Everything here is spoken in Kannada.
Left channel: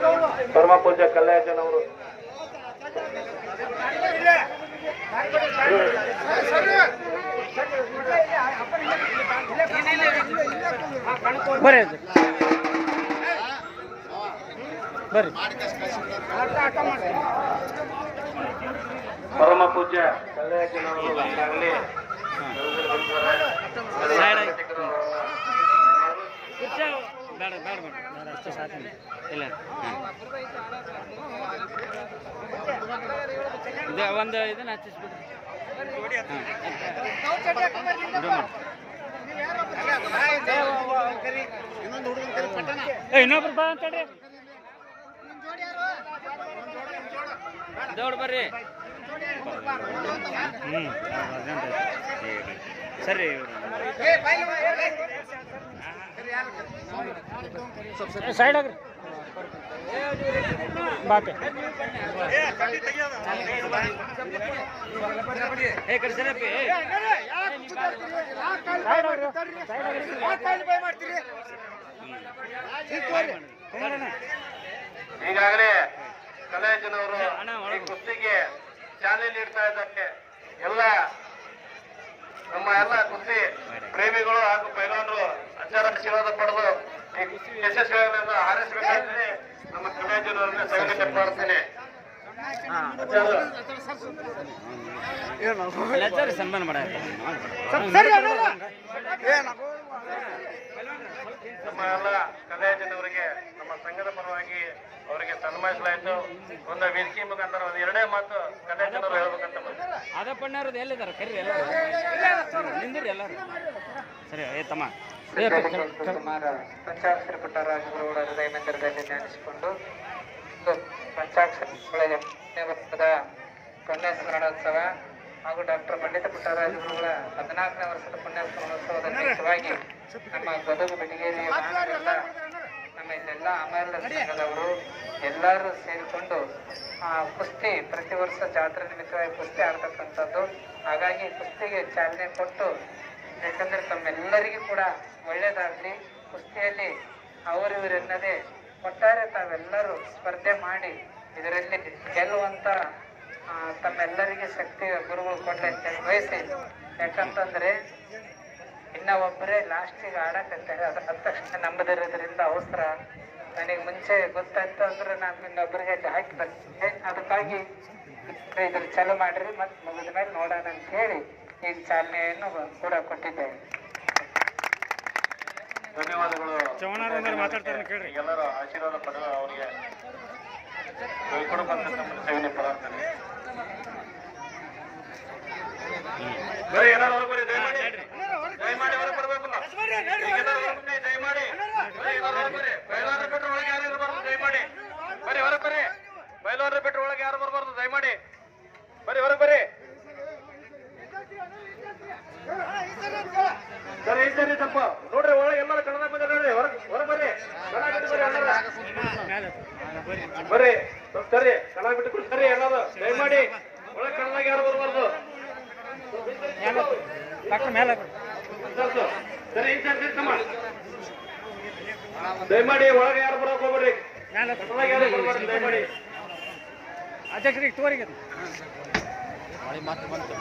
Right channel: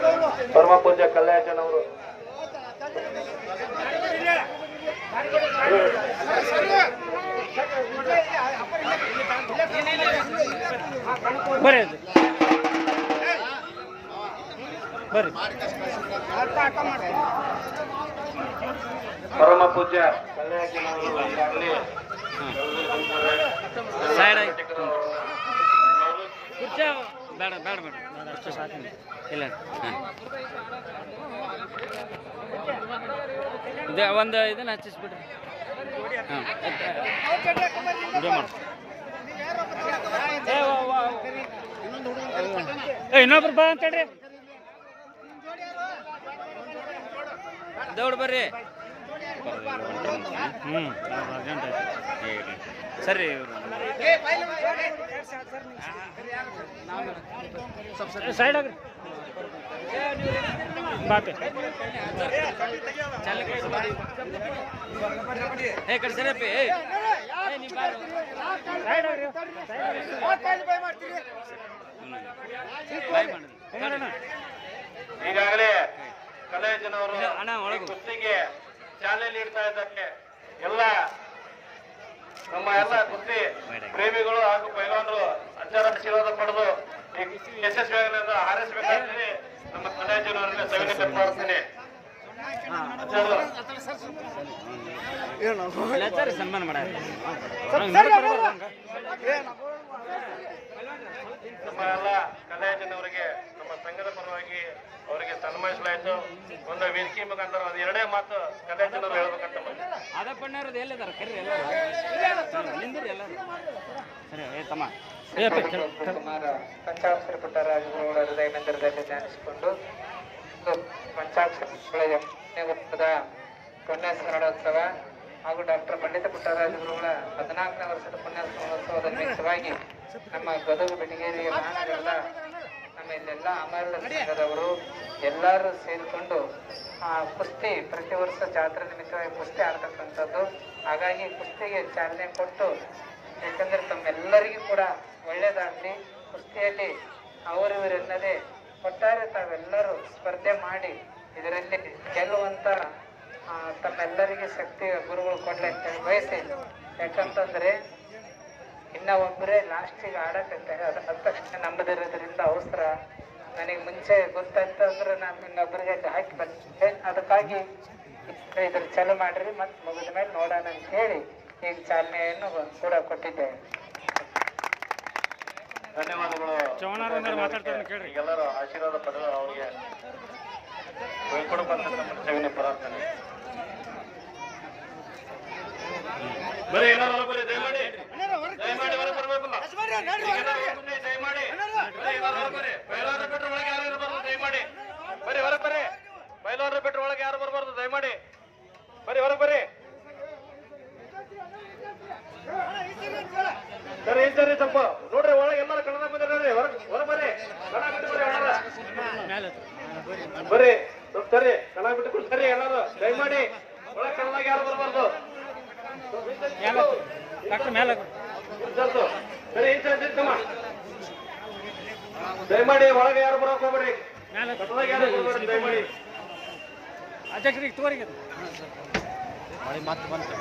ಪರಮ ಪೂಜ್ಯ ಕಲ್ಯಾಣವರು ಬರ್ರಿ ಬರ್ರಿ. ಪರಮ ಪೂಜ್ಯ ಕಲ್ಯಾಣವರು ಈಗಾಗಲೇ ಬೇಡ ಬೇಡ ಬೇಡ ಬೇಡ ಅಷ್ಟು ಸಾಕಿಲ್ಲ ಇಲ್ಲ ಇದೆ ಒಂದು ಇದನ್ನ ಹಚ್ಚಿಸ್ಬಿಡ್ರಿ. ಇನ್ನೊಬ್ರು ಬಾ ಅಂತ ಹೇಳ್ರಿ. ದೌಡ್ ಬರ್ರಿ. ಅರ್ಜೆಂಟ್ ಐತಿ ಸರಿ. ಸೈಡ್ ಆಗ್ರಿ ಬಾಪೆ ಈಗಾಗಲೇ ಕಲಾವಿದನವರು ಈ ಕುಸ್ತಿಗೆ ಚಾಲನೆ ನೀಡ್ತಾ ಇದ್ದಾರೆ. ಎಲ್ಲ ನಮ್ಮ ಎಲ್ಲ ಕುಸ್ತಿ ಪ್ರೇಮಿಗಳು ಹಾಗೂ ಪೈಲವಾನರು ಅಚಾರ ಆಶೀರ್ವಾದ ಪಡೆದು ಯಶಸ್ವಿಯಾಗಿ ಹಾರೈಸಬೇಕಾದ್ರೆ ನಮ್ಮ ಕಲಾವಿದನವರನ್ನ ತೆಗೆದುಕೊಂಡು ಮಾಡ್ತೀನಿ. ಸನ್ಮಾನ ಮಾಡ ನಮ್ಮ ಎಲ್ಲ ಕಲಾವಿದನವರಿಗೆ ನಮ್ಮ ಸಂಘದ ಪರವಾಗಿ ಅವರಿಗೆ ಸನ್ಮಾನಿಸಲಾಯಿತು. ಒಂದು ವೇದಿಕೆ ಮುಖಾಂತರ ಒಂದು ಎರಡೇ ಮಾತು ಕಲಾವಿದನವರು ಹೇಳ್ಬೇಕಂತ ಅದಪ್ಪಣ್ಣವ್ರದ್ದು ಎಲ್ಲಿದ್ದಾರೆ ಕರೀರಿ ನಿಂದಿರಿ ಎಲ್ಲರೂ ಸರಿ ಆಯ್ತಮ್ಮ. ಕುಮಾರ ಪಂಚಾಕ್ಷರಿ ಪುಟ್ಟರಾಜುಗಳ ಹೃದಯ ಮಂದಿರದಲ್ಲಿ ಧ್ಯಾನಿಸಿಕೊಂಡು ಪಂಚಾಕ್ಷರ ವರ್ಷದ ಕೊನೆಯ ಸ್ಮರಣೋತ್ಸವ ಹಾಗೂ ಡಾಕ್ಟರ್ ಪಂಡಿತ ಪುಟ್ಟರಾಜುಗಳ 14ನೇ ವರ್ಷದ ಪುಣ್ಯ ಸ್ಮರಣೋತ್ಸವದ ನಿಮಿತ್ತವಾಗಿ ನಮ್ಮ ಗದಗ ಬೆಳಗೇರಿಯ ಮಹಾನಗರದ ನಮ್ಮ ಇಲ್ಲೆಲ್ಲ ಅಮರ ಸಂಘದವರು ಎಲ್ಲರೂ ಸೇರಿಕೊಂಡು ಕುಸ್ತಿ ಪ್ರತಿ ವರ್ಷ ಜಾತ್ರೆ ನಿಮಿತ್ತವಾಗಿ ಕುಸ್ತಿ ಆಡ್ತಕ್ಕಂಥದ್ದು. ಹಾಗಾಗಿ ಕುಸ್ತಿಗೆ ಚಾಲನೆ ಕೊಟ್ಟು, ಯಾಕಂದ್ರೆ ತಮ್ಮೆಲ್ಲರಿಗೂ ಕೂಡ ಒಳ್ಳೇದಾಗಲಿ, ಕುಸ್ತಿಯಲ್ಲಿ ಅವರಿವರೆನ್ನದೇ ಒಟ್ಟಾರೆ ತಾವೆಲ್ಲರೂ ಸ್ಪರ್ಧೆ ಮಾಡಿ ಇದರಲ್ಲಿ ಗೆಲ್ಲುವಂತ ತಮ್ಮೆಲ್ಲರಿಗೆ ಶಕ್ತಿ ಗುರುಗಳು ಕೊಡ್ಲಿ ಅಂತ ಬಯಸಿ. ಯಾಕಂತಂದ್ರೆ ಇನ್ನ ಒಬ್ಬರೇ ಲಾಸ್ಟಿಗೆ ಆಡಕಂತಾರೆ, ಅದು ಹತ್ತ ತಕ್ಷಣ ನಂಬದಿರೋದ್ರಿಂದ ಅವಸರ. ನನಗೆ ಮುಂಚೆ ಗೊತ್ತಾಯ್ತು ಅಂದ್ರೆ ನಾನು ಇನ್ನೊಬ್ಬರಿಗೆ ಹಾಕಿ ಬಂದಿದ್ದೆ. ಅದಕ್ಕಾಗಿ ಇದ್ರ ಚಾಲು ಮಾಡ್ರಿ, ಮತ್ತೆ ಮುಗಿದ ಮೇಲೆ ನೋಡೋಣ ಅಂತ ಹೇಳಿ ಈಗ ಚಾಲನೆಯನ್ನು ಕೂಡ ಕೊಟ್ಟಿದ್ದೇವೆ. ಧನ್ಯವಾದಗಳು. ಚೌಹಾಣರು ಒಂದಾರು ಮಾತಾಡ್ತಾರೆ ಕೇಳ್ರಿ. ಎಲ್ಲರೂ ಆಶೀರ್ವಾದ ಪಡೆದು ಅವರಿಗೆ ಬರೀ ಎಲ್ಲರೂ ಹೊರಬರಿ, ದಯಮಾಡಿ ದಯಮಾಡಿ ಹೊರ ಬರ್ಬೇಕು. ದಯಮಾಡಿ ಬಯಲಾರ ಬಿಟ್ಟರೆ ಒಳಗೆ ಯಾರು ಇರಬಾರ್ದು. ದಯಮಾಡಿ ಬರೀ ಹೊರ ಬರ್ರಿ. ಬಯಲಾರ ಬಿಟ್ಟರೆ ಒಳಗೆ ಯಾರು ಬರಬಾರ್ದು. ದಯಮಾಡಿ ಬರೀ ಹೊರ ಬರ್ರಿ. ಸರಿ ಸರಿ ಸ್ವಲ್ಪ ನೋಡ್ರಿ, ಒಳಗೆ ಎಲ್ಲರೂ ಕನ್ನಡ ಬಂದ ನೋಡ್ರಿ. ಹೊರ ಬರ್ರಿ, ಬರ್ರಿ ಸರಿ ಕನ್ನಡ ಬಿಟ್ಟು ಸರಿ ಎಲ್ಲರೂ ದಯಮಾಡಿ ಒಳಗೆ ಕನ್ನಡಾಗ ಯಾರು ಬರಬಾರ್ದು. ಸರಿ ದಯಮಾಡಿ ಒಳಗೆ ಯಾರು ಬರೋಕೆ ಹೋಗ್ಬೇಡ್ರಿ. ದಯಮಾಡಿ ಅಧ್ಯಕ್ಷರಿಗೆ ತೋರಿಗೆ ಮತ್ತೆ ಬಂತು.